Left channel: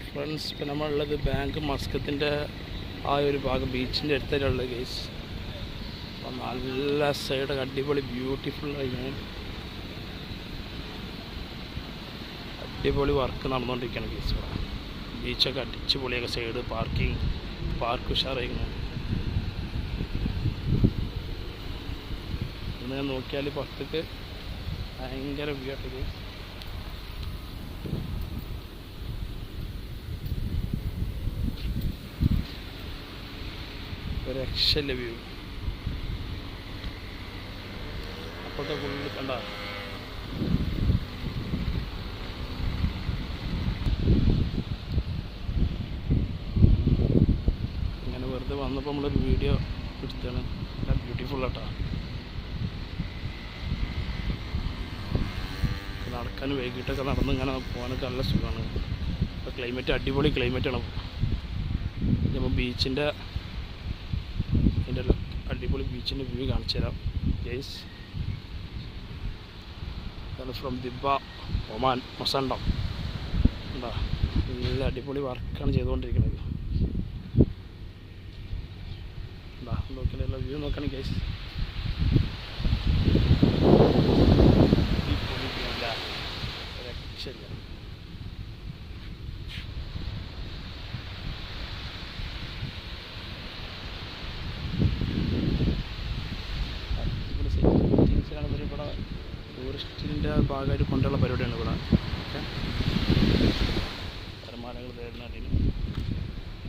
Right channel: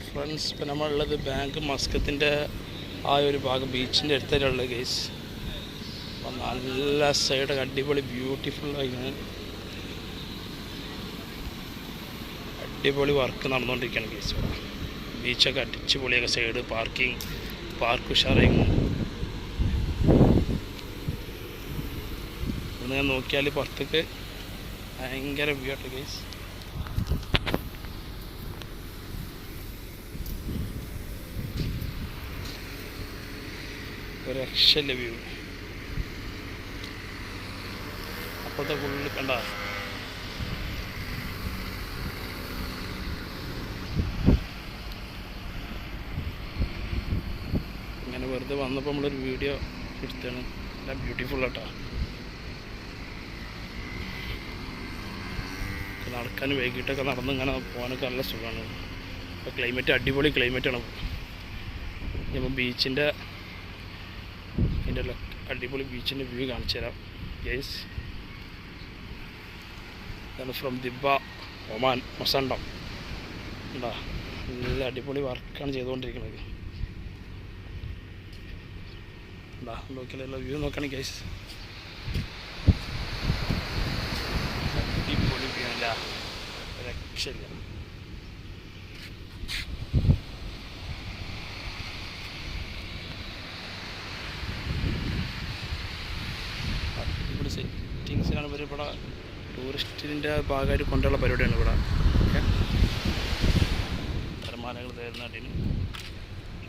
Friends ഇപ്പം നമ്മളുള്ളത് bank മസ്കത്തിന്റെ ആ ഒരു ഭാഗം ബീച്ചിന്റെ അടുത്തായിട്ടുള്ള കേസ് അപ്പം നല്ല സൈഡ് അടിപൊളി ബ്യൂട്ടിഫുൾ ആയിരുന്നു അടിപൊളി വർക്ക് നടന്നുകൊണ്ടിരിക്കുകയാണ് കേസ് ഇവിടെ. ബീച്ചൊക്കെ അടിച്ചുപൊളിയൊക്കെ സൈഡ് പാർക്കിംഗ് പാർക്ക് ഉഷാറായിരുന്നു ഞാൻ നോക്കിയാൽ പുറത്തേക്ക് ഭയങ്കര വ്യൂ ആട്ടോ കേസ് ഒരു രക്ഷയില്ല അപ്പോഴത്തെ ഫുള്ള് കണ്ട? ഇങ്ങനെ വെറുതെ വന്നപ്പോൾ നമ്മളൊരു വീഡിയോ എടുത്താണ്. നല്ല ബ്യൂട്ടിഫുൾ ആട്ടോ. നടക്കാൻ വൈകിട്ടൊക്കെ നടന്ന് ഇങ്ങനെ പോകാനൊക്കെ നല്ല സുഖമാണ്. ക്ലൈമറ്റ് അടിപൊളി ക്ലൈമറ്റാണ് നമ്മൾ ബീച്ചിന്റെ അതിന്റെ അടിപൊളി ബീച്ചിന്റെ വ്യൂ കാണിച്ചു തരാം. ഗൈസ് ഇതാണ് ഫ്രം ദിബ ഒമാൻ മൊസണ്ടം. എന്താ നല്ല അടിപൊളി വർക്കാണ് ചെയ്തുകൊണ്ടിരിക്കുന്നത്. എന്താ നോക്കിയാലുള്ള വ്യൂ നോക്കുകയാണെങ്കിൽ ഗൈസ് അടിപൊളി വ്യൂ അല്ല രക്ഷയില്ല ആണ് ഇവർ ഇവിടെ ടൂറിസ്റ്റിന്റെ ഭാഗമായിട്ട് കൊണ്ടുള്ള പരിപാടിയാണ് ഇവിടെ. ഓക്കെ. തിരമാലകൾ തരുന്നതിന്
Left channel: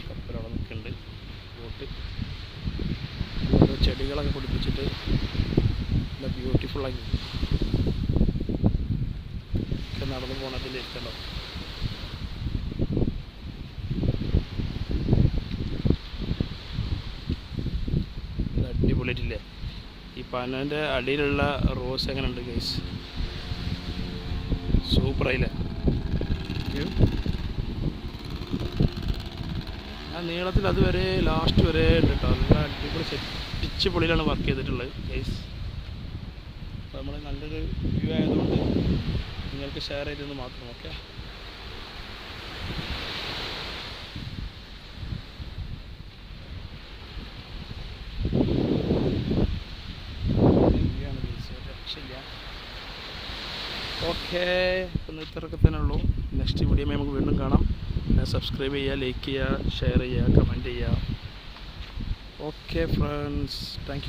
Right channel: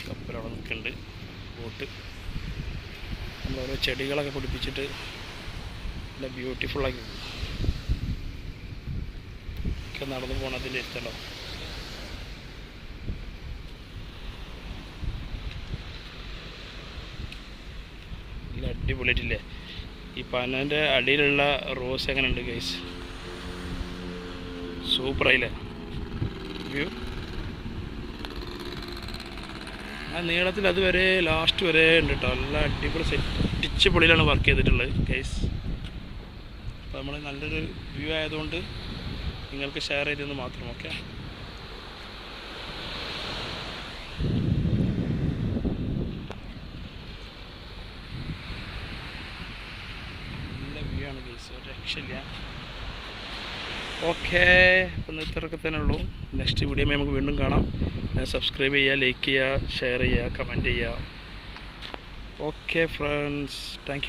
കപ്പലവിടെ നിൽക്കുന്നുണ്ട്. ബോട്ട്. ഓരോ ചെടികളൊക്കെ പിടിപ്പിച്ചിട്ട് നല്ല ബ്യൂട്ടിഫുള്ളാക്കി ഒക്കെ നടന്നു പോണതിന്റെ ഇഷ്ടമല്ലോ അടിപൊളിയായിട്ടില്ലേ? ഈ പനന്റെ അടിയിലുള്ള റോസ് എങ്ങനെയുണ്ട് ഗൈസ് സൂപ്പറായില്ലേ വ്യൂ ആ നീളത്തിൽ അതുവരെ ലാസ്റ്റ് വരെ ഉണ്ട് കേട്ടോ നല്ല അടിപൊളി സെറ്റിച്ച് പൊളിയിലാണ് വർക്ക് ചെയ്തിട്ടുള്ളത് ഗൈസ് അപ്പോൾ നമ്മൾ നല്ലൊരു വ്യൂ ആയതുകൊണ്ട് നിങ്ങൾക്ക് ഷെയർ ചെയ്തെന്ന് മാത്രം ഓക്കെ വ്യൂ ആണ് ഗൈസ് ഒരു രക്ഷയില്ല ഓക്കെ ഇപ്പം ഉള്ളൂ. നെക്സ്റ്റ് വീഡിയോ നമുക്ക് വീണ്ടും കാണാം. സബ്സ്ക്രൈബ് ചെയ്യുക ലൈക്ക് ചെയ്യുക ഷെയർ ചെയ്യുക കമന്റ് ചെയ്യുക. Okay friends thank